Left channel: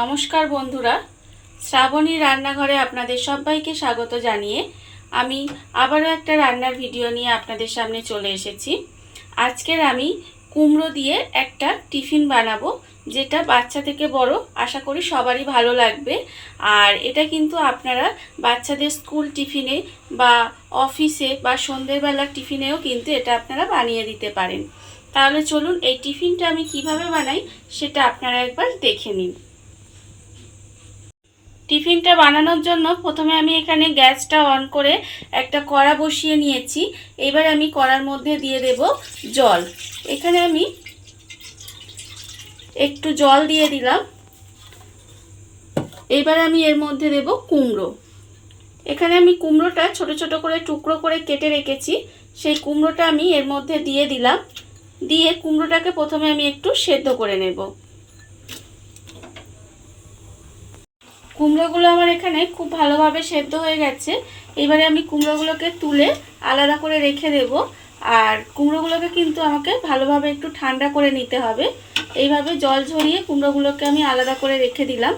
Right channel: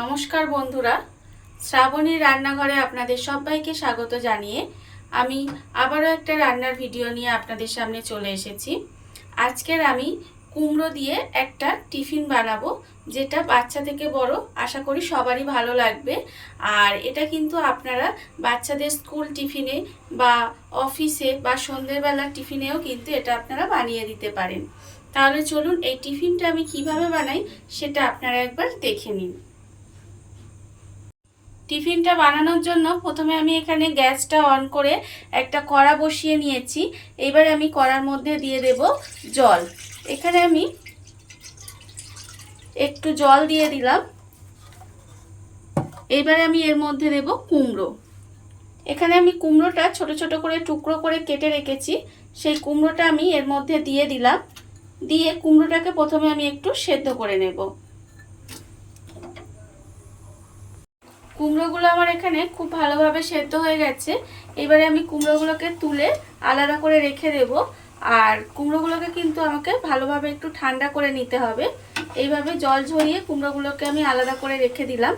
নমস্কার বন্ধুরা, শ্রাবণী রান্নাঘরে আপনাদের সবাইকে স্বাগত জানিয়ে আমি আবারও একটা রান্নার ভিডিও নিয়ে আপনাদের সামনে চলে এসেছি। আজকের আমি কুমড়ো দিয়ে একটা টিফিন বানাবো, যেটা বাচ্চা থেকে বড় আশা করি সবারই ভালো লাগবে। আর এটা কিন্তু আপনারা বাচ্চাদের স্কুল টিফিনে বা অফিসে বা সন্ধ্যেবেলার টিফিনেও কিন্তু এটা আপনারা বানিয়ে দিতে পারেন। তাহলে চলুন এই টিফিনটা আমি কিভাবে বানাই সেটা আপনারা একবার দেখে নিন। টিফিনটা বানানোর জন্য প্রথমে আমি এখানে গ্যাসটা অন করে একটা কড়া বসিয়ে নিয়েছি। এবার আমি কড়ার মধ্যে দিয়ে দেব জল। এখানে আমি একটু জল দিয়ে দিলাম। এবার আমি এর মধ্যে দেব কুমড়ো। এখানে আমি কুমড়োটা ছোট ছোট করে টুকরো করে কেটে রেখেছি, সেই কুমড়োটা আমি এর মধ্যে দিয়ে দিলাম। দিয়ে কুমড়োটাকে প্রথমে আমি একটু সেদ্ধ করে নেব। কুমড়োগুলো আমার এখানে খুব ভালোভাবে সেদ্ধ হয়ে গেছে। এবারে আমি কুমড়োগুলোকে তুলে আলাদা করে রেখে দেব। আর কুমড়োগুলোকে কিন্তু আমাকে ভালোভাবে একটু ঠান্ডা করে নিতে হবে। এইভাবে জল ঝরিয়ে কুমড়োগুলোকে আমি আলাদা করে রেখে দিলাম।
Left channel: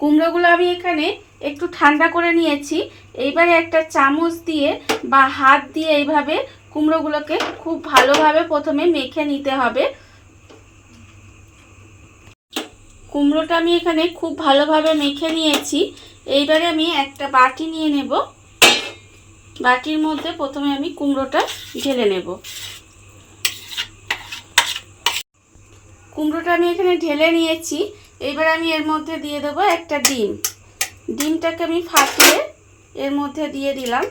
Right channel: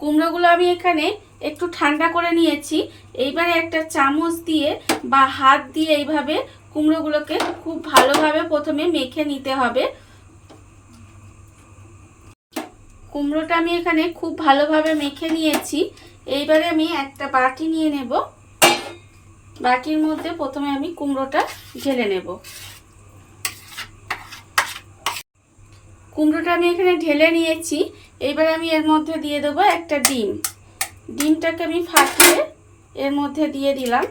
কুমড়োগুলো আমি এখানে একটু ঠান্ডা করে নিয়েছি। এইবারে একটা চামচ দিয়ে বা হাত দিয়ে এইভাবে কুমড়োগুলোকে খুব ভালোভাবে প্রথমে মেখে নিতে হবে। কুমড়োটা আমি এখানে খুব ভালোভাবে মেখে নিয়েছি। এইবারে আমি একটা বাটি নিয়ে নেব। বাটির মধ্যে প্রথমে আমি কুমড়োটা ঢেলে নেব। কুমড়োটা আমি এখানে ঢেলে নিয়েছি। এইবার আমি এর মধ্যে দিয়ে দেবো একটা ডিম। ডিমটাকে আমি ফাটিয়ে এর মধ্যে দিয়ে দিলাম।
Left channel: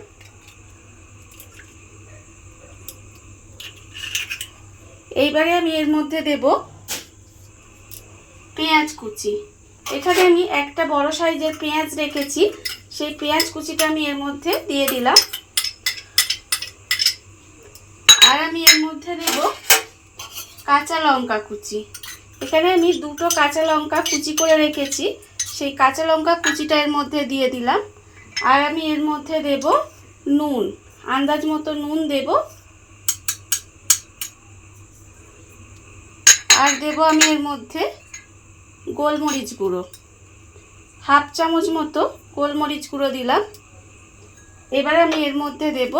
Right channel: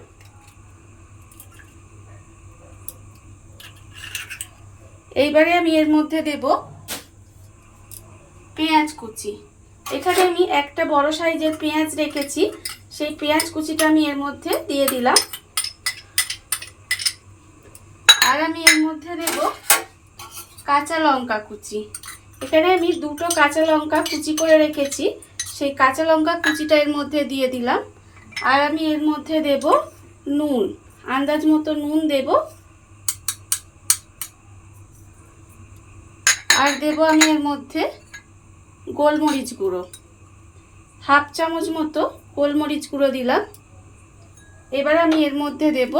এইবারে আমি এর মধ্যে দেব পেঁয়াজ কুচি। এখানে আমি একটা বড় সাইজের পেঁয়াজ রেখেছি, সেই পেঁয়াজ কুচিটা আমি এর মধ্যে দিয়ে দিলাম। আর আমি এর মধ্যে দেব কাঁচা লঙ্কা কুচি। এখানে আমি দুটো কাঁচা লঙ্কা কুচি করে রেখেছি, সেই কাঁচা লঙ্কা কুচিটা এর মধ্যে দিয়ে দিলাম। আর আমি এর মধ্যে দেব নুন, আন্দাজ মতো নুন দেব। আর দেব আমি এর মধ্যে গোলমরিচ গুঁড়ো, হাফ চামচ মতো গোলমরিচ গুঁড়ো দিলাম। এবার আমি এর মধ্যে দেব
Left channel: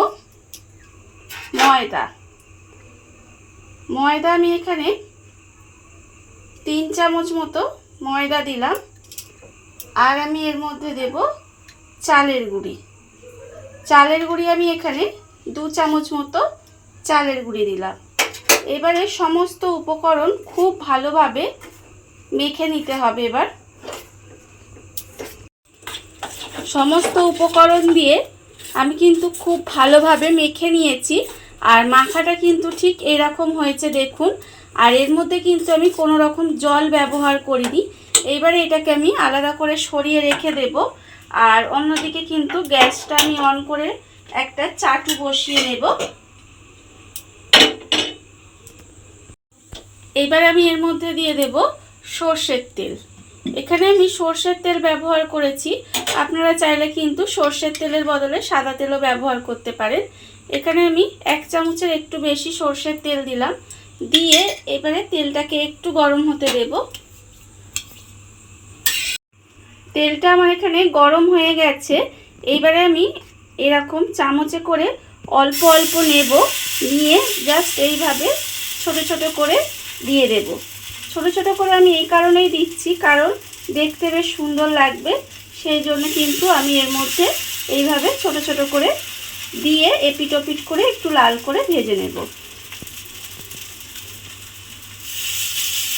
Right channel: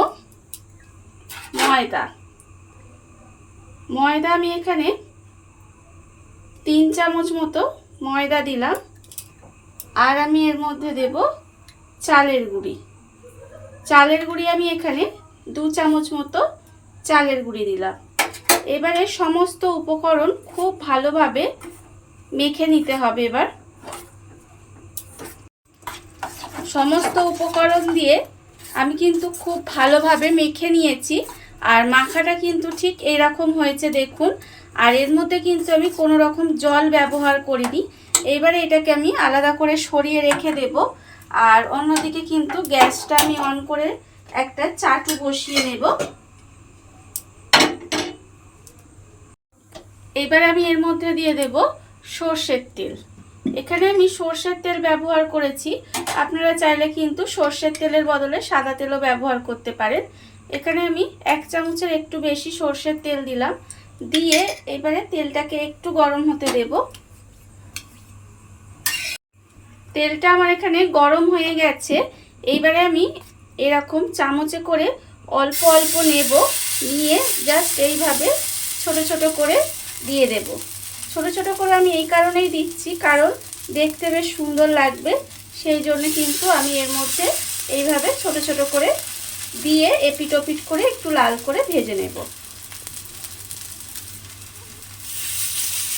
ময়দা। ময়দা আমি এখানে 3 চামচ মতো ময়দা দিলাম। আর আমি এর মধ্যে দেব চালের গুঁড়ি। চালের গুঁড়ি আমি এখানে 2 চামচ মতো চালের গুঁড়ি দিলাম। এবারে সমস্ত উপকরণ খুব ভালোভাবে মেখে নিতে হবে। এবার সমস্ত উপকরণ দিয়ে আমি কিন্তু খুব ভালোভাবে মেখে নিয়েছি। আর মাখাটা কিন্তু ঠিক এইরকম হয়েছে দেখুন। আর এর মধ্যে কিন্তু আমি কোনো রকম জল ব্যবহার করিনি। এবারে এটাকে আমি আলাদা করে সরিয়ে রেখে দেব। আর অন্যদিকে কিন্তু গ্যাসটা আমি অন করে একটা চাটু বসিয়ে নেব। এবার আমি এর মধ্যে দিয়ে দেব সর্ষের তেল। এখানে আমি সর্ষের তেল ব্যবহার করেছি, আপনারা চাইলে কিন্তু সর্ষের তেলের বদলে সাদা তেলও ব্যবহার করতে পারেন। এখানে আমি 1 চামচের একটু বেশি সর্ষের তেল দিলাম। দিয়ে এবারে তেলটাকে একটু গরম হতে দেব। তেলটা আমার এখানে গরম হয়ে গেছে। এইবারে আমি এরকম চামচে করে অল্প অল্প নেব, নিয়ে জাস্ট এইভাবে ছোট ছোট করে দিয়ে দেব। ছোট ছোট করে আমি এই কারণেই দিচ্ছি, কারণ দেখতে বেশ সুন্দর লাগবে, সেই জন্য কিন্তু আমি এর মধ্যে এইভাবে ছোট ছোট করে দিয়ে এপিট ওপিট করে একটু লাল করে ভেজে নেব।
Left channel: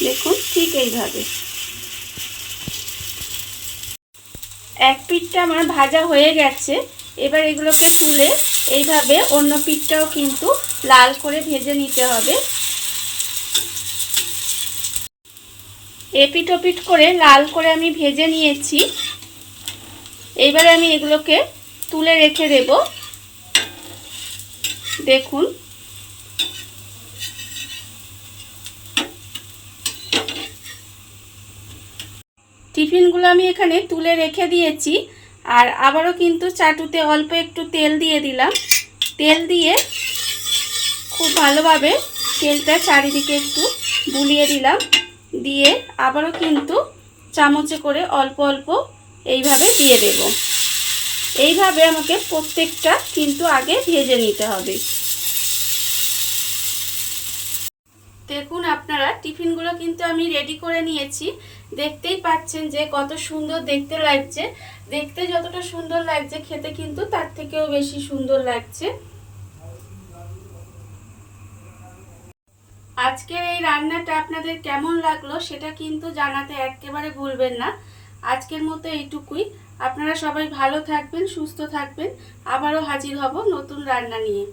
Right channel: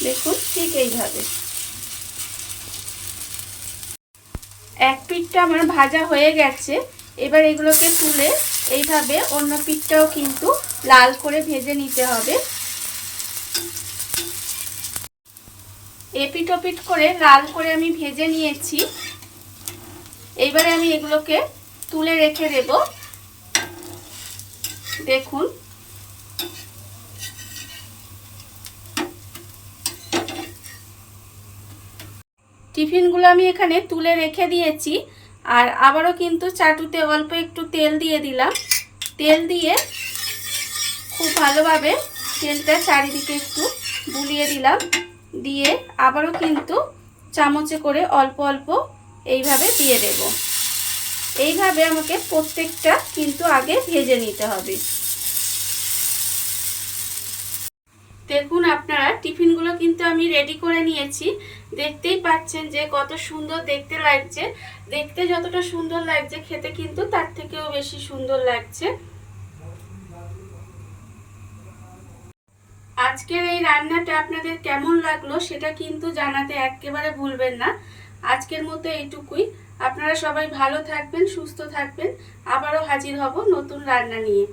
দেখুন ঠিক এইভাবে। এক পিঠটা আমার ভাজা হয়ে গেছে। এবার এগুলোকে তুলে এইভাবে অন্য পিঠটাও কিন্তু লাল করে ভেজে নিতে হবে। এপিট ওপিট করে লাল করে আমি ভেজে নিয়েছি। এইবারে আমি এগুলোকে তুলে রেখে দেব। দেখুন টিফিনগুলো আমি এখানে তুলে রেখে দিয়েছি। আর আবারও কিন্তু চাটুতে অল্প একটু তেল দিয়ে দিলাম। তেল দিয়ে খুব ভালোভাবে তেলটা চারিদিকে একটু বুলিয়ে দিলাম। দিয়ে আবারও কিন্তু চামচে করে অল্প অল্প এইভাবে দিয়ে দেব। এইভাবে আমাকে প্রত্যেকটা কিন্তু আগে ভেজে নিতে হবে। দেখুন আপনারা টিফিনগুলো কিন্তু আমি রেডি করে নিয়েছি। দেখতেই পাচ্ছেন যে কত সুন্দর দেখতে লাগছে। দেখতে যতটা সুন্দর লাগছে খেতে কিন্তু তার থেকেও বেশি সুন্দর লাগছে। আজকের এই রান্নাটা আপনাদের কেমন লাগলো সেটা কিন্তু জানাতে একেবারে ভুলবেন না। আজকের মতো এইটুকুই। আপনারা সবাই ভালো থাকবেন, সুস্থ থাকবেন। আবারও হাজির হব নতুন রান্না নিয়ে।